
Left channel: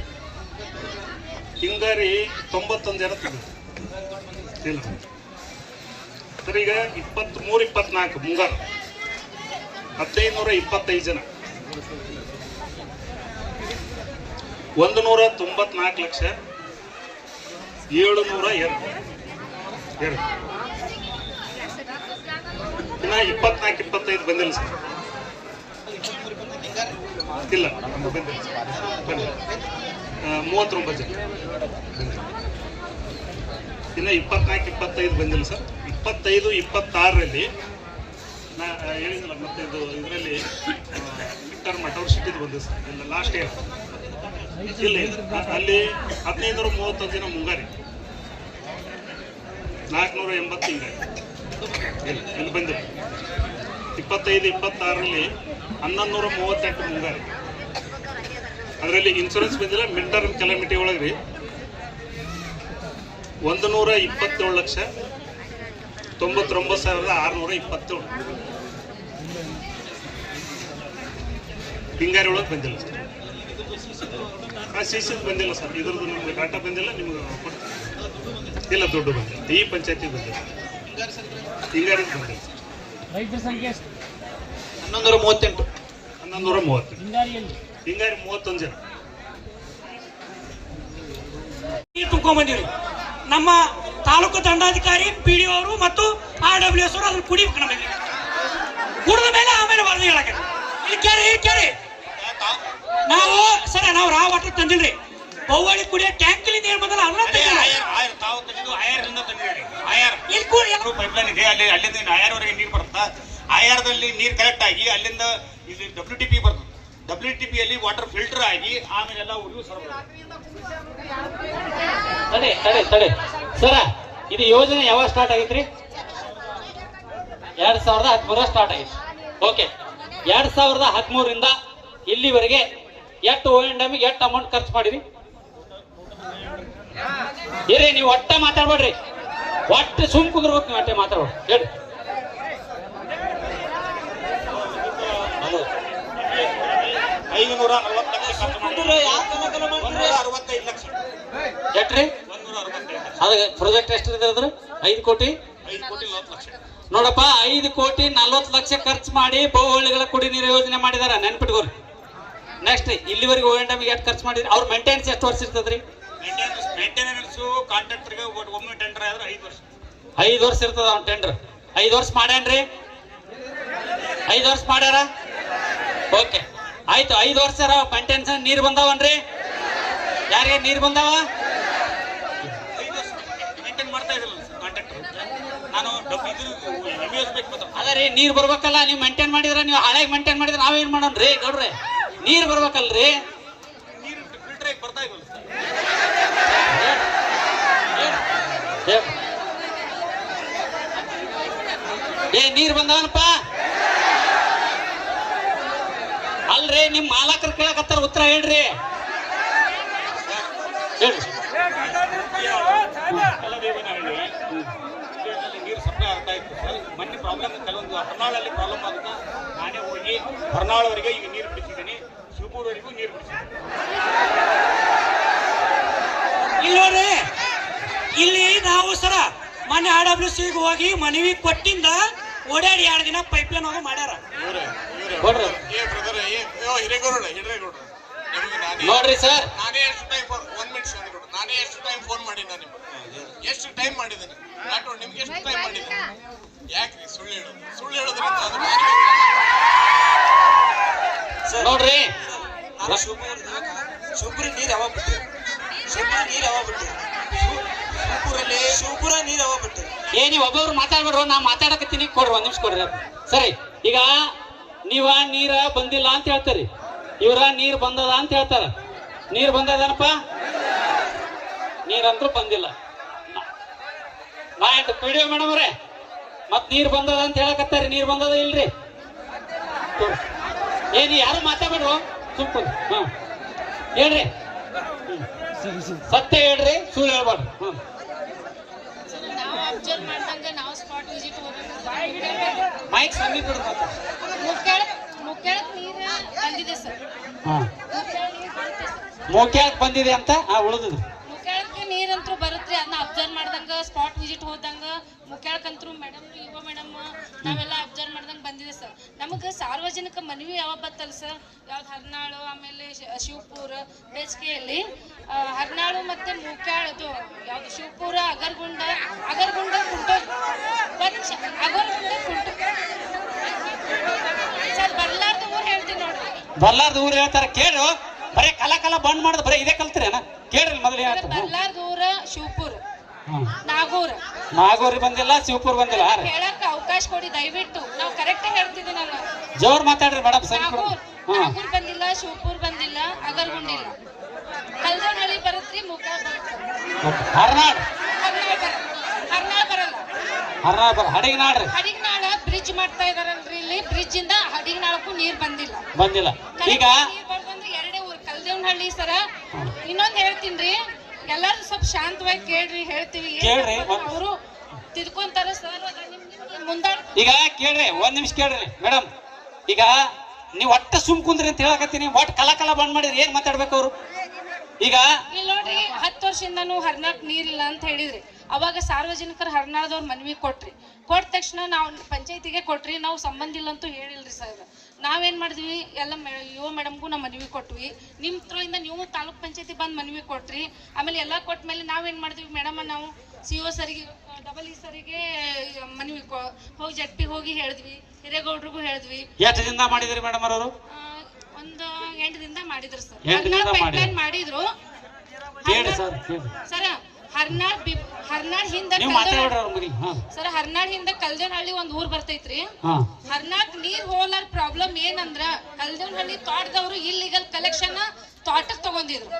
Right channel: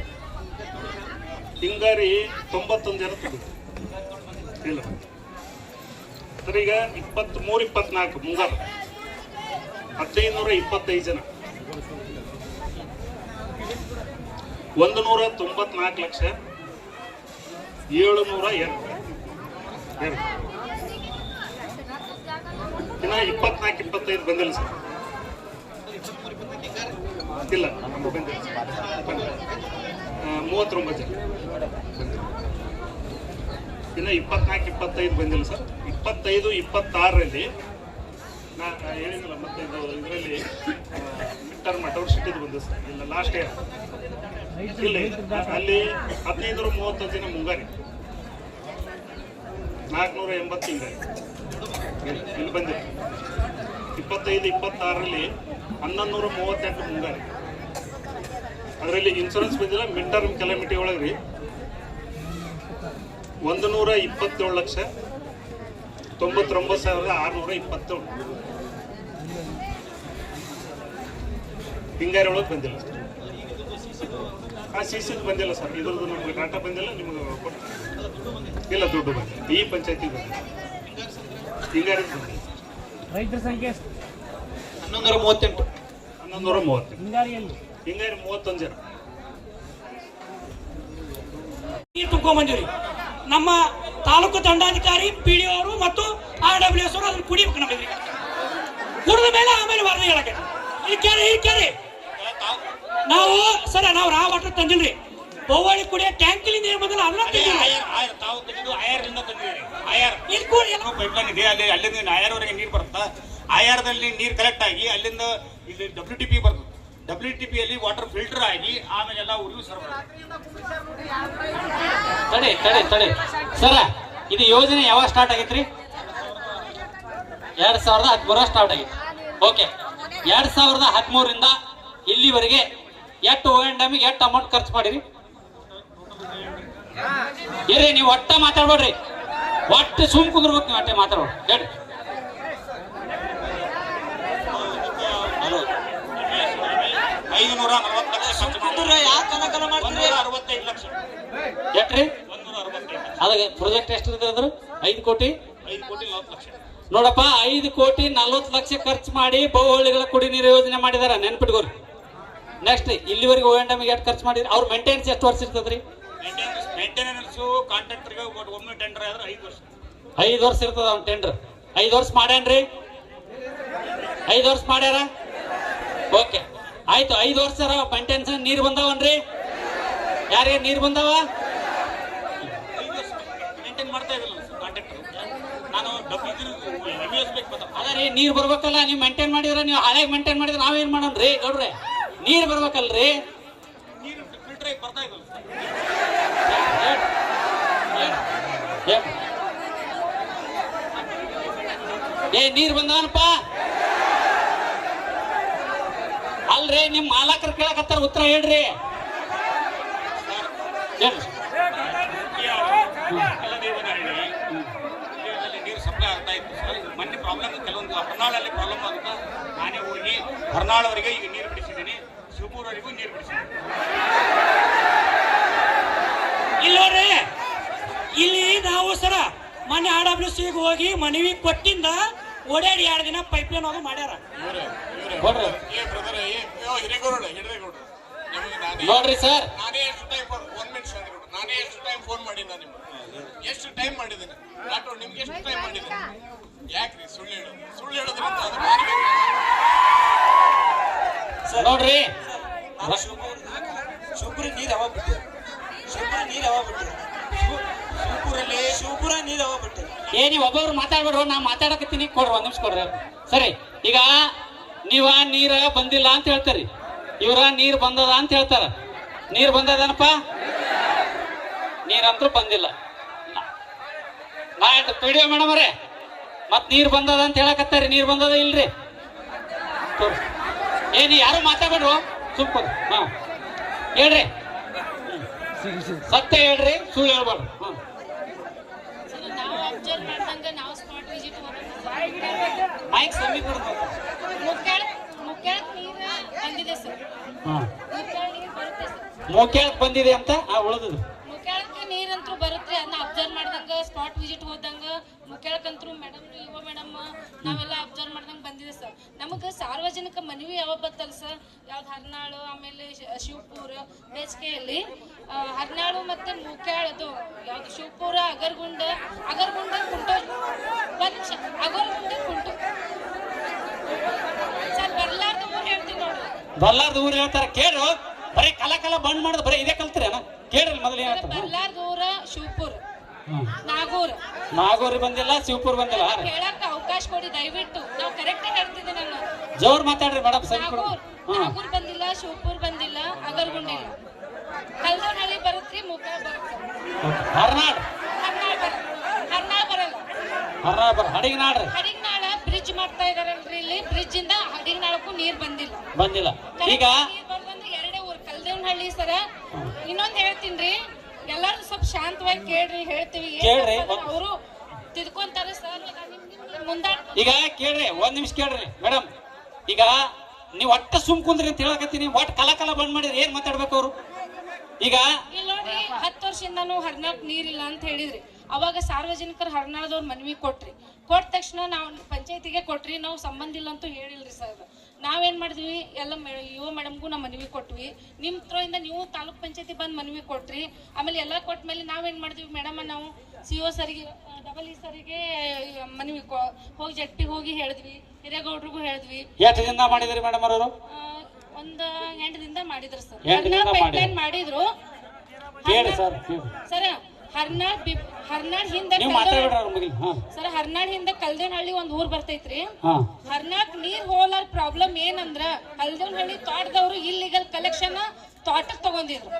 ಹಿಂಗಾರಿ 91 ಜನ ತೆಗೆದು ಇಲ್ಲ ಸರ್. ಈಗ 23-24 ಮುಂಗಾರು 1525 ಜನ, 194,702,2. ಇನ್ನ 24-25 ಬಂದಿಲ್ಲ ಸರ್. ಇಲ್ಲ ಬಂದಿಲ್ಲ ಸರ್. 39 ಜನ. ಇನ್ನು 24-25 ಬಂದಿಲ್ಲ ಸರ್. 25-26ರಲ್ಲಿ ನಾ ಹೇಳಿದ್ನಲ್ಲ, ಮತ್ತೆ ಇದು ಇದರಲ್ಲಿ ಟರ್ಮ್ ಔಟ್ಸಿಟಿದು ಬಂದಿದೆ ಸರ್. ಇಲ್ಲ ಲಾಸ್ಟ್ ಇಯರ್ ಇಲ್ಲಿ ಅಲ್ಲಿ 1530 ಜನ ಮುಂಗಾರಿ, 480 ಹಿಂಗಾರಿ ಇಲ್ಲಿ ಬಂದಿದೆ. 25-26ರಲ್ಲಿ 1138 ಮುಂಗಾರಿ. ಅದರಲ್ಲಿ ಇನ್ಶೂರೆನ್ಸ್ ಬಂದಿಲ್ಲ. ಮಿಡ್ ಟರ್ಮ್ ಕೆಲಾಮಿಟಿ ಒಳಗೆ ರೀ 127,99,627 ಹಿಂಗಾರಿ ಒಳಗೆ ಬಂದಿಲ್ಲ ಸರ್. ಆ ಸಿಸಿದು ಬಂದಿಲ್ಲ ಸರ್. ಇದ್ರದ್ದು ನಮಗೆ ಡಾಟಾ ಬಂದಿಲ್ಲ, ನಿಮ್ಗೆ ಕೊಡ್ತೀನಿ. ಇಲ್ಲ, ದುಡ್ಡು ಬಂದಿಲ್ಲ. ಈ ಪಂಚಾಯತಿ ಬಂದಿಲ್ಲ, ಹಿಂಗಾರಿ ಬಂದಿಲ್ಲ ಸರ್. ರೈತರ ಸಂಖ್ಯೆ 1138. 1138. ಹಿಂಗಾರಿಯಲ್ಲಿ ಹಿಂಗಾರಿ 31 ಜನ. ನೀರು ತುಂಬ್ಕೊಂಡ್ಬಂದಿರಿ. ನಮ್ಮ ತಾಲೂಕು ದಂಡಾಧಿಕಾರಿ PDO ಅವರು ಮತ್ತು RWS ಅವರು ಅದನ್ನು ಕುಡಿಬೇಕು. ನಮಗೆ ಕುಡಿದ ಮೇಲೆ ಆಮೇಲೆ ವರದಿ ಹೇಳಕ್ಕೆ ಕೇಳಿ ನಾವು ಸರ ನಾವು ರಾವ್ ವಾಟರ್ ತಂದಿಲ್ರಿ. ಬೌವಾಳಿ ಕುಡಿಯೋ ಟ್ಯಾಂಕಲ್ಲಿ ನೀರು ಬಂದಲ್ಲ ಅಲ್ಲ ಅಲ್ಲಿಂದ ಆಯರ್ವರೆಗೆ ನೀರು ಬರುತ್ತಾ. ಆಯರ್ದಲ್ಲಿ ನೀರು ಕಲೆಕ್ಟ್ ಆಗಿ ಅಲ್ಲಿಂದ ಇಲ್ಲಿ WTP ಬರ್ತದೆ. WTPಯಲ್ಲಿ ವಾಟರ್ ಫಿಲ್ಟರ್ ಆಗಿ ಆಮೇಲೆಲ್ಲ ಊರಿಗೂ ತಡೆ ಸರ, ಇದು ಯೋಜನೆ ಯಾವಾಗ ಸ್ಟಾರ್ಟ್ ಆಗೈತ್ರಿ? 2013 ಸ್ಟಾರ್ಟ್ ಆಗೈತಿ. ಓಕೆ, 2013ರಿಂದ ಇಲ್ಲಿವರೆಗೆ ಎಷ್ಟು O&M ಎಷ್ಟು ಅಮೌಂಟ್ ಖರ್ಚು ಮಾಡಿರಿ? ಇರ್ರಿ, ನೀವು ಒಟ್ಟೆ ಮಾತಾಡ್ಬೇಡ್ರಿ, ಒಟ್ಟು ಸುಮ್ ಕುಂದ್ರಬೇಕು. ನೀವು ಒಟ್ಟೆ ಮಾತಾಡ್ಬೇಡಿ. ಹೇಳಿ. 540 ಲಕ್ಷ ಖರ್ಚು ಮಾಡಿ 165 ಲಕ್ಷ. ಎಟ್ರಿ 165. ಅದ ಪ್ರಾಜೆಕ್ಟ್ ಎಷ್ಟು ಅದ್ರ? 5 ಕೋಟಿ 40 ಲಕ್ಷ. ನೋಡಪ್ಪ, 5 ಕೋಟಿ 40 ಲಕ್ಷ ಖರ್ಚು ಮಾಡಿ ಬಹುಹಳ್ಳಿಗಳ ಕುಡಿ ನೀರು ಯೋಜನೆ ಮಾಡಿದಾರ. ನೆನ್ಪಿಟ್ಕೋರಿ. ನೆಕ್ಸ್ಟ್ ಇಲ್ಲಿವರೆಗೆ O&M ಎಷ್ಟು ಖರ್ಚು ಮಾಡಿದ್ರಿ? ಅವ್ರ ಮೇಂಟೆನೆನ್ಸ್ ಎಷ್ಟು ವರ್ಷ ಇರ್ತದ್ರಿ? ಮೇಂಟೆನೆನ್ಸ್ ಕಾಂಟ್ರಾಕ್ಟರ್ಗೆ ಒಮ್ಮೆ ಟೆಂಡರ್ ಆದ್ರೆ 5 ವರ್ಷ. 5 ವರ್ಷ ಇರ್ತದ ಅವ್ನ ಟೆಂಡರ್. 5 ವರ್ಷ ಮಾಡ್ಯಾನ್ರಿ? 5 ವರ್ಷ ಮಾಡ್ಯಾರ? ಓಕೆ, ಆಯ್ತು. 5 ವರ್ಷ ಮೇಂಟೆನೆನ್ಸ್ ನೀರು ಬಂದಾವನ್ರಿ? ಯಾರಿಗೆ ನೀರು ಬಂದಾವ? 5 ವರ್ಷ ಮೇಂಟೈನ್ ಮಾಡ್ತಾ ಇದ್ದಿಲ್ಲ ಸರ್ ಕಾಂಟ್ರಾಕ್ಟರ್. ನಾನು ಅದರಿ ನೀರು ಬರ್ಬೇಕಲ್ಲ. ನೀವು ಮೇಂಟೈನ್ ಮಾಡಿದ್ರೆ, ನೀವು ಹಾಳಾಗಿ ಮೇಂಟೈನ್ ಮಾಡಿದ್ರೆ ನಾವೇನ್ ಮಾಡೋಣ್ರಿ ನೋಡ್ರಿ? ನೀರು ಬರ್ಬೇಕಲ್ರಿ. ನೀರು ಫಿಲ್ಟರ್ ಆಗಿ ಬರ್ತಾ ಇಲ್ಲ ಏ ನೀರು ಬಂದವನಪ್ಪ ಅಲ್ರಿ. ನಿಮ್ ಮಾಲಕರು ಕೇಳಕತ್ತಾರ, ಉತ್ತರ ಹೇಳ್ರಿ. ಹೇಳಿ. ನೀರು ಸಪ್ಲೈ ಆಗ್ತಾ ಇತ್ತು ಸರ್. ಮೊನ್ನೆ ಪ್ರಾಬ್ಲಮ್ ಕೆಲವೊಂದು ಹೊರನಾಳಲ್ಲಿ ಪ್ರಾಬ್ಲಮ್ ಆಗುತ್ತೆ. ನಾನೇ ಹೋಗಿ ಹೊರನಾಳವರೆಗೆ ಈಗ ನೀರು ಬಿಡಿಸಿದ್ದೀನಿ. ಶಿವಪುರವರೆಗೂ ನೀರು ಬಿಡಿಸಿದ್ದೀನಿ. ಇಲ್ಲೋರಿ, ಇಲ್ಲಿ ನಾವು ಸರ ಮೊನ್ನೆ RWS ಹೋಗಿ ಮನವಿ ಕೊಟ್ಟಿಂದ ಓಡಾಡಿ 2 ದಿನ ಪೈಪ್ಲೈನ್ ಅದು ಮಾಡ್ಯಾರ. ನೋಡ್ರಿ ಸರ್, ನಾನೇ ಎಷ್ಟು ಟೈಮ್ 1 ಮಿನಿಟ್ ನಾನೇ ಎಷ್ಟು ಟೈಮ್ ಫೋನ್ ಮಾಡಿದ್ದೆ ನಿಮ್ಗೆ? ಎಷ್ಟು ಟೈಮ್ ಮಾಡಿದ್ದೇನೆ? ನಿಮ್ಗೆ ಎಷ್ಟು ಟೈಮ್ ಮಾಡಿದ್ದೇನೆ? ಯಾಕ್ರಿ ಸುಳ್ಳು ಹೇಳೋದು? ಸುಳ್ಳು ಹೇಳೋದ್ರಿಂದ ಶಿವಪುರಿ ನೀರು ಯಾವಾಗ ಬಿಟ್ಟು ಶಿವಪುರ ನೀರು ಯಾವಾಗ ಬಿಟ್ಟು ಏ ನೀವು ಒಬ್ಬೊಬ್ರು ಮಾತಾಡ್ಬಿಡ್ರು, ನಾ ಮಾತಾಡಕತ್ತೀನಿ, ಕೊಡ್ರಿ ಒಂದ್ ನಿಮಿಷ ಕೊಡ್ರಿ. ಸರಿ, ಈಗ ನೀವ ನೀರ ಬಂದಿಲ್ಲ ಅಂತ ಹೇಳ್ತೀರಿ, ಇವ್ರ ನೀರ್ ಬಂದದ ಅಂತ ಹೇಳ್ತಾರ. ನೀರ್ ಬಂದದನಪ್ಪ? ನೀರಂತೂ ಬಂದಿಲ್ಲ. ನಾ ಪಿಡಿಒ ಮೇಡಮ್ ಅವರೇ, ಮತ್ ನೀರ್ ಬಂದದ ಅಂತ ಹೇಳಕತ್ತಾರಿ, ನೀರ್ ಬಂದದ ಇಲ್ರಿ? ಏನಿ ಯಾರು ಮಾತಾಡ್ಬಿಡ್ರು, ಸುಮ್ಮನೆ ಹೇಳ್ರಿ, ಸತ್ಯ ಹೇಳ್ರಿ, ಸುಳ್ಳು ಹೇಳ್ಬಾರ್ದು. ಮೈಕ್ ಸಮೀಪ ಮೋಕ್ಯಾಕ್ ಬಂದಿದೆ ಅಂತ ಉಳಿದು ಮುಕ್ಯಾಳಕ್ಕೆ ನೀರಂತೂ ಬರುತ್ತೆ. ಅದನ್ನ ಅಬ್ಸರ್ವ್ ಮಾಡಿದಾಗ ಸ್ಪಾಟ್ ವಿಸಿಟ್ ಹೋದಂಗ ಮುಕ್ಯಾಳಕ್ಕಂತೂ ಮೇಡಮ್ ಇವ ಮೇಡಮ್ ನಾವೆಲ್ಲ ಅಬ್ಸರ್ವ್ ಮಾಡ್ದಂಗ ಬಂದಿದೆ ಸರ್. ನಮಗೆ ಸಾರ್ವಜನಿಕ ಮನವಿ ಯಾವ ಬತ್ತಲ್ಲ ಸರ್, ಯಾವ್ದು ಹರ್ನಾಳು, ಆಮೇಲೆ ಶಿವಪುರ, ಬೇಸಿಗೆಯಲ್ಲಿ ಹರ್ನಾಳು ಮತ್ತೆ ಮುಕ್ಯಾಳದು ಯಾವ್ದು ಶಿವಪುರ, ಅಗರ್ಗುಂಡ ಕುಂಟೋ, ಅಗರ್ಗುಂಡ ಕುಂಟು ಸರ್, ಬರ್ಲಾರ್ದು ಊರು ಹೇಳ್ತೀನಿ ನೋಡ್ರಿ. ಬರ್ಲಾರ್ದು ಊರು ಹೇಳ್ತಾರ, ಕೇಳು. ಬರೀ ಕಲ ಬಂದ್ ಮಾಡುದು ಬರೀ ಇದೇ ಕಲ್ತ್ರೇನ? ಕೇಳ್ರಿ ಮೊದಲು ಹೇಳ್ತಾರೆ. ಬರ್ಲಾರ್ದು ಊರ ಶಿವಪುರ, ನಾಗೂರಿ ಬಂದಿಲ್ಲ, ಶಿವಪುರ ಬಂದಿಲ್ಲ. ಹೇಳಕ್ ಅವಕಾಶ ಕೊಡಿ ದಯವಿಟ್ಟು. ನಾವು ಕರೆಕ್ಟ್ ಹೇಳ್ತಿದ್ದೆ. ನಾನು ಜೋರ್ ಮಾತಾಡ್ರಿ ಮೇಡಮ್. ನಾಗೂರ್ ಬಂದಿಲ್ಲ, ಶಿವಪುರ್ ಬಂದಿಲ್ಲ, ಅಗರ್ಗುಂಡಿಲ್ಲ, ಕಲ್ದನಹಳ್ಳಿ ಬರುತ್ತ್ರಿ, ಮುಕ್ಯಾಳ ಬರುತ್ತೆ. ಹರ್ನಾಳ್ ಬರಲ್ಲ. ಹಡಿಗನಾಳ ಬ್ರಿಡ್ಜ್ ಮಾಡ್ತಾ ಇದಾರಲ್ರಿ, ಇಲ್ಲಿ ಬ್ರಿಡ್ಜ್ ಇಂದ ಹಡಿಗನಾಳಕ್ಕೂ ನೀರ್ ಬಂದಿಲ್ಲ. ಈಗ ನೀರ್ ಬಂದ್ರೆ ಎರಡೇ ಊರ್ ಕಲ್ದೇವನಹಳ್ಳಿ ಸರ. ಇನ್ನೊಂದ್ ಹೇಳ್ತೀನ್ರಿ, ಎಲ್ಲಾರು ಸ್ವಲ್ಪ ಶಾಂತವಾಗಿ ಕೇಳ್ರಿ, ಹೇಳ್ತೀವಿ. ಅವರು ತಿದ್ಕೊಂತಾರ ಸರ್, ಮುಂದಾಡ್. ಈಗ ಕೇಳ್ರಿ, ಒಂದ್ ನಿಮಿಷ ಕೇಳ್ರಿ ಮೇಡಮ್. ಈಗ ನೀವ್ ಒಟ್ಟ ಸುಮ್ ಕುಂದ್ರಿ ಅಂತ ಹೇಳಕತ್ತೀನಿ, ಒಟ್ಟು ಕಲ ಬಂದ್ ಮಾಡಿದ್ರಿ, ಏನ್ ಮಾತಾಡ್ಬೇಕು ಅವ್ರು? ಈಗ ಇಲ್ಲಿ ನೋಡ್ರಿ, 10 ವರ್ಷದಿಂದನೂ ಹರ್ನಾಳ್ ನೀರಿಲ್ಲ ಅಂತ ಹೇಳಿದ್ರಿ. ಅವಾಗ ಸಾರ್ವಜನಿಕರು ಹರ್ನಾಳದವ್ರ ಮನವಿ ಕೊಟ್ಟ ತಕ್ಷಣ ನಾವು ಪಂಚಾಯತಿಗೆ ಕೊಟ್ರಿ. ನಾವು ಸಂಬಂಧ ಇಲ್ಲ ಅಂತೂ ಹೇಳಿಲ್ರಿ ಸರ್. ನಾವೇನ್ ಮಾಡಿದ್ವಿ, ಎಲ್ಲ ಯುವ ಮೇಡಮ್ಗೂ ನಾವು ಮನವಿ ಕೊಟ್ವಿ. ನಿಮ್ ಥ್ರೋಯಿಂದ ನೀವು ತಾಲೂಕ್ ಪಂಚಾಯತಿ ಬಂದ್ ಮನವಿ ಕೊಟ್ರಿ. ಆಮೇಲೆ ಎಲ್ಲ ಕೊಟ್ಟ ಮೇಲೆ ನಾವೇನ್ ಮಾಡಿದ್ವಿ ಮೇಡಮ್, ನಾವು CO ಸರಿಗೆ, ಡಬಲ್ ಸರಿಗೆ ಮನವಿ ಹೋಗಿ ಜಟ್ಟಿ ಹೋಗಿ ಹೇಳಿದ್ವಿ, ಹಿರೇಗೌಡ್ರಿಗೂ ಹೇಳಿದ್ವಿ. ಎಷ್ಟು ದಿನ ಮಾಡಿದ್ರಿ ಮೇಡಮ್ ಅವರು? ಒಂದು 8 ದಿನದಿಂದ ಮಾಡಿದ್ರು ಸರ್. 8 ದಿನದಿಂದ ಮಾಡಿದ್ರು ಸರ್. ಹರ್ನಾಳ್ ಹಿಂದ ಸರ್, ಹರ್ನಾಳ್ ಹಿಂದ ಕಲ್ದೇವನಹಳ್ಳಿ ಒಂದ್ ಊರ್ ಬರ್ತೈತ್ರಿ. ಹರ್ನಾಳ್ ನೀರ್ ಹೋಲಾರ ಪ್ರಾಬ್ಲಮ್ ಏನಂದ್ರ, ಕಲ್ದೇವನಹಳ್ಳಿ ತೋಟದವ್ರು ಇಲ್ಲಿಗಲ್ ಕಲೆಕ್ಷನ್ ತೋಟಕ್ ತಗೊಂಡಿದ್ರು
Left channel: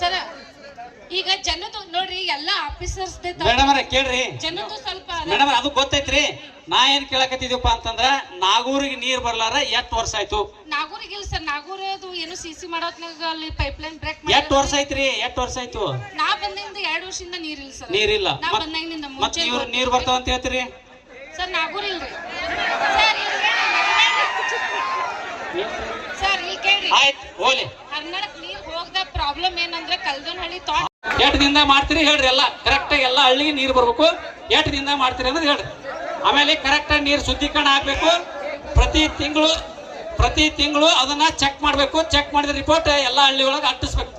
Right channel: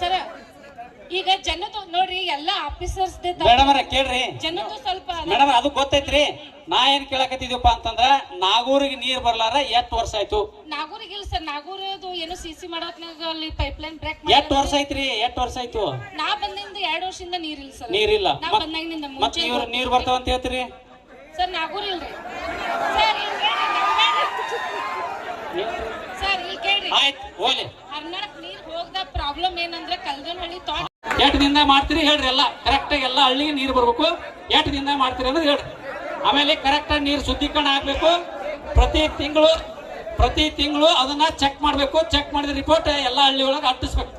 ಸರ್. ಈಗ ಜನದ್ದು ನೋಡ್ರಿ, ಎಲ್ಲ ಆಫೀಸರ್ಸ್ ಕೇಳ್ರಿ, ಜನದ್ದು ಸ್ವಲ್ಪ ಮೇಡಮ್ ಅದು ಗೊತ್ತೈತ್ರಿ. ನಾ ಏನ್ ಕೇಳಕತ್ತಿದ್ಯಪ್ಪ ಅಂತಂದ್ರ, ನಾಗೂರಿಗೆ ನೀರ್ ಬರ್ಲಾರ 8 ವರ್ಷ ಆಯ್ತು. ನಾಗೂರಿಗೆ ಇಲ್ಲ ಸರ್, ನಾಗೂರದು ಏನೋ CC ಮಾಡೋತ್ನಾಗ ಅಲ್ಲಿ ಪೈಪ್ ಲೈನ್ ಬ್ರೇಕ್ 8 ವರ್ಷ ಐತ್ರಿ, 8 ವರ್ಷ ಆಯ್ತು. ನಾ ಬಂದಿಂದ 2 ವರ್ಷದಿಂದ ನೀರಿಲ್ಲ ಸರ್. ನೀರಿಲ್ಲ, ನಾ ಬಂದಾಗಿನಿಂದ ಮತ್ತೆ ಇವ್ರು ನೀರ್ ಬರ್ತಾವ ಅಂತ ಹೇಳ್ತೀರಿ ಸರ್. ನಾಗೂರ್ ಇಲ್ರಿ ಸರ್, ಇಲ್ಲಿ ಕೇಳ್ರಿ. ಆಯ್ತು, ಹೋಲಿ. ಹರ್ನಾಳಕ್ ನೀರ್ ಹೋಗದ ಪ್ರಾಬ್ಲಮ್ ಏನಂದ್ರೆ, ಕಲ್ದನಹಳ್ಳಿ ತೋಟ 8 ದಿನದ ಮಾಡ್ತೀರಿ ಹೇಳ್ರಿ, ಎಲ್ಲ ಕರೆಕ್ಟ್ ಆಗಿ ಎಲ್ಲ ಹಳ್ಳಿಗೆ ನೀರ್ ಬರ್ಬೇಕು. 8 ದಿನದ ಮಾಡ್ತೀರಿ ಅಂದ್ರೆ ಹೇಳ್ರಿ. ಆಮೇಲೆ ಕರೆಕ್ಟ್ ಆಗಿ ನೀರು ಶುದ್ಧೀಕರಣ ಆಗ್ಬೇಕು. ಪ್ರತಿ ತಿಂಗಳು ಅದನ್ನ ಚೆಕ್ ಮಾಡ್ಬೇಕು. ಚೆಕ್ ಮಾಡಿದ ರಿಪೋರ್ಟ್ ಎಲ್ಲ ಹಳ್ಳಿ ಒಳಗೆ ಅಂಟಿಸ್ಬೇಕು.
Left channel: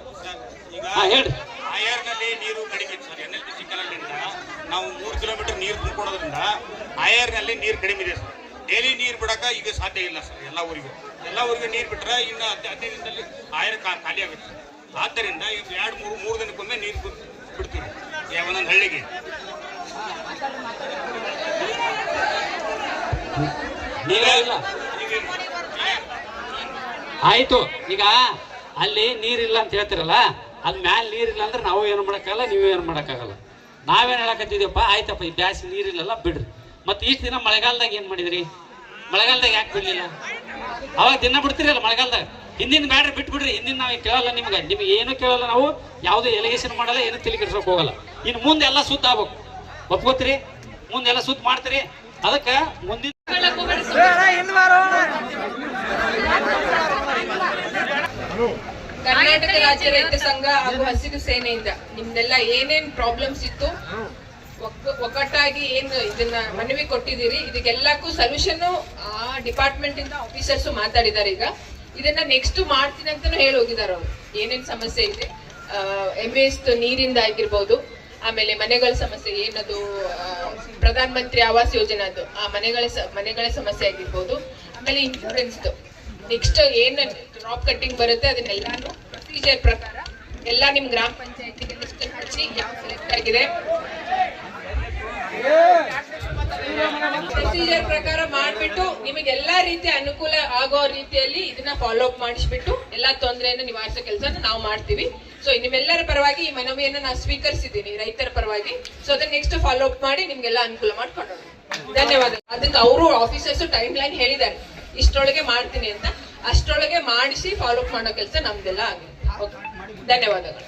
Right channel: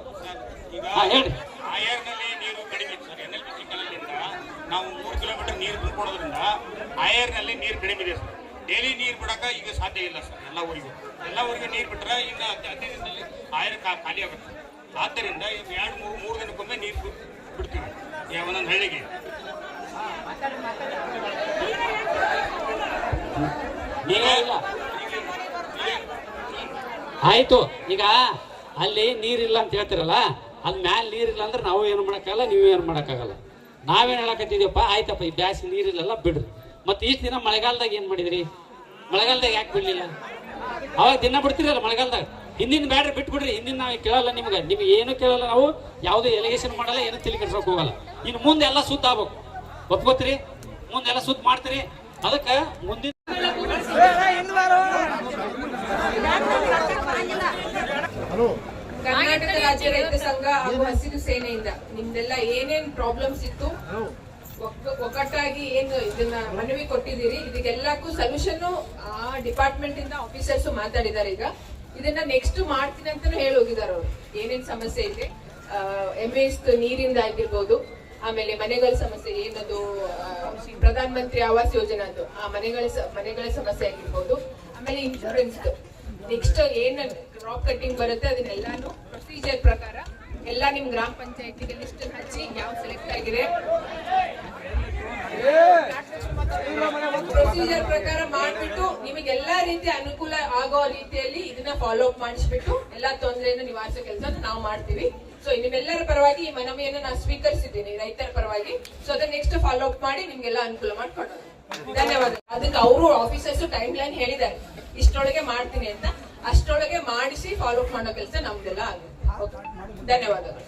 ಹೇಳ್ರಿ. ಆಯರ್ನಲ್ಲಿ ನೀರು ಕಡಿಮೆ ಇತ್ತು ಸರ್. NLPC ಕೆನಾಲ್ನಿಂದ ನಾವು 3 ಕಿಲೋಮೀಟರ್ ನೀರು ತುಂಬಿಕೊಡೋದ್ರಿಂದ ಆಯರ್ನಲ್ಲಿ ನೀರು ಕಡಿಮೆ ಇದೆ ಸರ್. ಡೈಲಿ ನೀರು ಬಿಡಕ ಈಗ ಸಾಧ್ಯ ಇಲ್ಲ ಸರ್. ಎಲ್ಲ ಊರಿಗೆ ನೀರು ಬಿಟ್ರೆ ಇನ್ನು 15 ದಿನದಲ್ಲಿ ಆಯರ್ ಖಾಲಿ ಆಗುತ್ತೆ. ಆದ್ದರಿಂದ 2-3 ದಿನಕ್ಕೊಮ್ಮೆ ನೀರು ಬಿಡ್ತೀವಿ ಒಂದೊಂದು ಹಳ್ಳಿಗೆ. ಆಯ್ತು, ಈಗ ಅಲ್ಲಿ ನೀರಿಲ್ಲ ಅಂತ ಹೇಳ್ತಿರಲ್ಲ, ಅದ್ ಮ್ಯಾಲ ನೀರಿಲ್ಲ ಅಂದ್ರೆ ನಾವು ಏನು ಮಾಡಕ್ಕಾಗಲ್ಲ, ನೀವು ಏನು ಮಾಡಕ್ಕಾಗಲ್ಲ. ನಾವೇನ್ ಹೇಳಕತ್ತಿದ್ಯಪ್ಪ, ಆಯ್ತಪ್ಪ ಈ ಬ್ಯಾಸಿ ನೀರಿಲ್ಲಲ್ಲ ಬಿಡ್ರಿ. ಮತ್ತೆ ಇಷ್ಟು ದಿನ ಮಳೆಗಾಲದಾಗ ಏನ್ ಮಾಡಿದ್ರಿ? ಮಳೆಗಾಲದಾಗ ಯಾಕೆ ಬಿಡ್ಲಿಲ್ಲ? ಅವಾಗ ದಿನ ಬಿಡ್ತಿರಲ್ಲ ಮಳೆಗಾಲದಾಗ. ಹಿಂದಿನ ಬ್ಯಾಡ್ರಿ ಬಿಟ್ಬಿಡ್ರಿ. ಹಿಂದಿನ ನಾವು ಕೇಳಲ್ಲ, ನಿಮ್ಗೆ ಏನು ಕೇಳಲ್ಲ. ನಾವು ಯಾವುದೇ ಎಲಿಗೇಷನ್ ಮಾಡಲ್ಲ, ಏನು ತಲೆ ಕೆಡ್ಸಕ್ ಹೋಗಲ್ಲ. ಇನ್ನು ಮುಂದೆ ಎಲ್ಲ ಸುದ್ದ ಆಗ್ಬೇಕು, ಒಪ್ಕೋತೀರಿ? ಮುಂದೆಲ್ಲ ಸುದ್ದ ಮಾಡ್ತೀರಿ. ಅದಕ್ಕೆ ಮುಂದಿನ ಕರ್ನಾಟಕ ರಾಜ್ಯ ರೈತ ಸಂಘ ಹಾಗೂ ಹಸಿರು ಸೇನೆಯಿಂದ ನಿಮ್ದೆಲ್ಲ ಏನೇನ್ ಪ್ರಾಬ್ಲಮ್ಸ್ ಇತ್ತು, ಒಗ್ಗಟ್ಟಾಗಿ ಏನು ಇದನ್ನ ಮನವಿ ಕೊಟ್ಟಿದ್ದೀರಿ, ಇದಕ್ಕೆಲ್ಲಕ್ಕೂ ಸೊಲ್ಯೂಷನ್ ಆ ಡಿಪಾರ್ಟ್ಮೆಂಟ್ ಇಂದ ಆಫೀಸರ್ಸ್ ಮಾತಾಡಿದ್ದಾರೆ. ಈಗ ಇದನ್ನ ನೆಕ್ಸ್ಟ್ ಮಾಡ್ತೀನಿ ಅಂತಾನು ಹೇಳಿ ಹೋಗಿದ್ದಾರೆ ಅವರು. ಏನೇನ್ ಸಮಸ್ಯೆ ಇದೆ, MS ನೀರಿಂದ ಆಗಿರ್ಬೋದು, ಆಮೇಲೆ ಮನೆಗಳ ಸಮಸ್ಯೆ ಏನದು, ಪ್ರಧಾನ ಮಂತ್ರಿ ಆವಾಸ್ ಯೋಜನೆ ಅದು ಆ ಮನೆಗಳ ಸಮಸ್ಯೆ ಆಗಿರ್ಬೋದು, ಆಮೇಲೆ ಇನ್ಶೂರೆನ್ಸ್ ನೆಕ್ಸ್ಟ್ ಏನ್ ಡ್ರಾಪ್ ಕಟ್ಟಿಂಗ್ ಬರುತ್ತೆ ಅದನ್ನೆಲ್ಲಾನು ಪ್ರೊಸೀಜರ್ ಪ್ರಕಾರ ಎಲ್ಲ ನಿಮ್ ಗ್ರಾಮ ಪಂಚಾಯತಿಗೆ ಲಿಸ್ಟ್ ಹಚ್ಚಿ ಯಾವ ಸೆಲೆಕ್ಟ್ ಆಗಿದೆ ಪ್ರೊಸೀಜರ್ ಪ್ರಕಾರ ಮಾಡ್ಬಿಟ್ಟು ನಿಮಗೆ ಎಲ್ಲಾ ರೀತಿಯ ಅನುಕೂಲ ಆಗೋ ರೀತಿಯಲ್ಲಿ ಇದನ್ನ ಫಾಲೋ ಅಪ್ ಮಾಡಿಸ್ಬಿಟ್ಟು ಎಲ್ಲಾ ತೊಂದರೆಯನ್ನು ನಿವಾರಿಸೋ ಕೆಲಸ ನಾವು ಮಾಡ್ತೀವಿ. ಸೊ ನಿಮ್ಮೆಲ್ಲರ ಪರವಾಗಿ ಈ ಮನವಿಯನ್ನು ನಾನು ಸ್ವೀಕರಿಸಿದ್ದೀನಿ ರೈತರ ಪರವಾಗಿ. ಸೊ ಅದನ್ನ ನೆಕ್ಸ್ಟ್ ಫಾಲೋ ಅಪ್ ಮಾಡಿ ನಿಮ್ಗೆಲ್ಲ ಅನುಕೂಲ ಮಾಡ್ಕೊಂಡು ಧನ್ಯವಾದ. ಅದಕ್ಕೆ ಅವರು ಆಫೀಸರ್ಸ್ ಟೈಮ್ ಲೈನ್ ಹೇಳಿದ್ದಾರೆ ಇಷ್ಟೊಳಗೆ ಮಾಡ್ತೀನಿ ಅಂತ, ಅಷ್ಟೊಳಗೆ ಮಾಡಿಸಿ ಫಾಲೋ ಅಪ್ ಮಾಡೋ ಕೆಲಸ ನಮ್ದೆಲ್ಲ ಆಗಿದೆ. ಧನ್ಯವಾದಗಳು.